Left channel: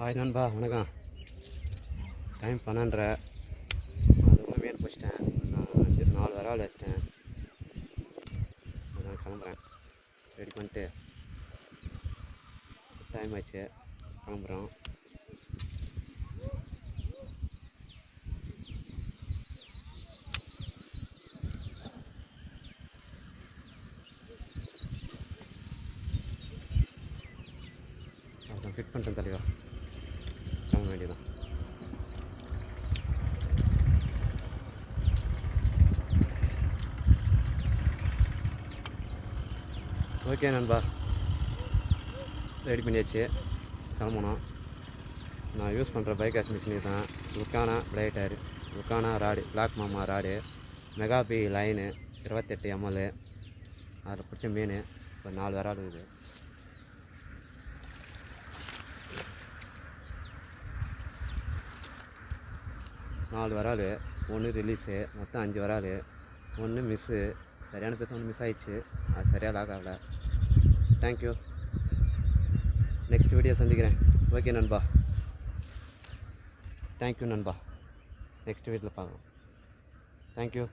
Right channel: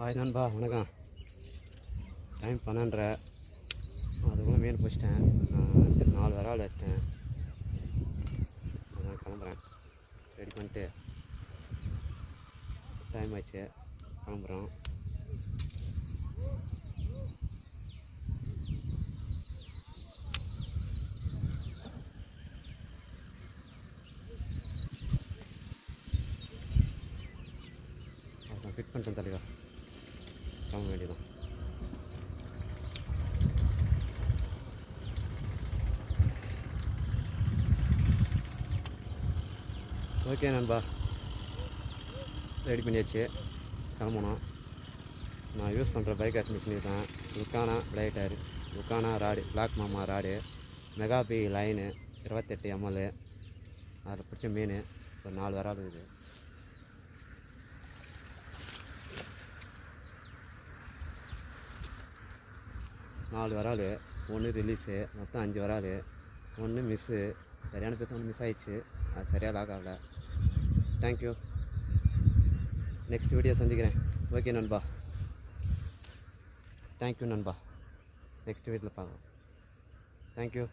Hi நண்பா, வணக்கம். Time 12:30. அதுக்குள்ளே மீன் பிடிச்சிட்டேன். நான் 4 விரால் வச்சிட்டேன். அதான் கிளம்புறேன். ரெடி பண்ணிட்டு டைம் ஆச்சு, கிளம்புறோம். அதான் ஃபிட் பண்ணிட்டேன் தலைவா, கிளம்ப வேண்டியதான். ஓகே நண்பா, ரெடி பண்ணியாச்சு, கிளம்பணும். நான் யூஸ் பண்ணுற பைக் வாஷ் மிஷினு தான். லுக்கானா பிளேட்டர், லுக்கானா ராடு, பிளாக் மாமா ராடு, மெகாபி லைனு 28 ml. அதில் பிடிச்ச மீன் ஒரு 4 விரால் இருக்குது. நாலு விரால், ஒன்று ரிலீஸு, மொத்தம் 5 விரால். ஒன்று மிஸ்ஸு, சரியான பேச ஒன்று மிஸ் ஆகிடுச்சு. அது சரியாக லாக் ஆகலை. தேங்க்யூ. நெக்ஸ்ட் வீடியோ சந்திக்கிறேன். ஓகே நண்பா, தேங்க்யூ நண்பா. நெக்ஸ்ட் வீடியோவில் பார்க்கலாம். தேங்க்யூ.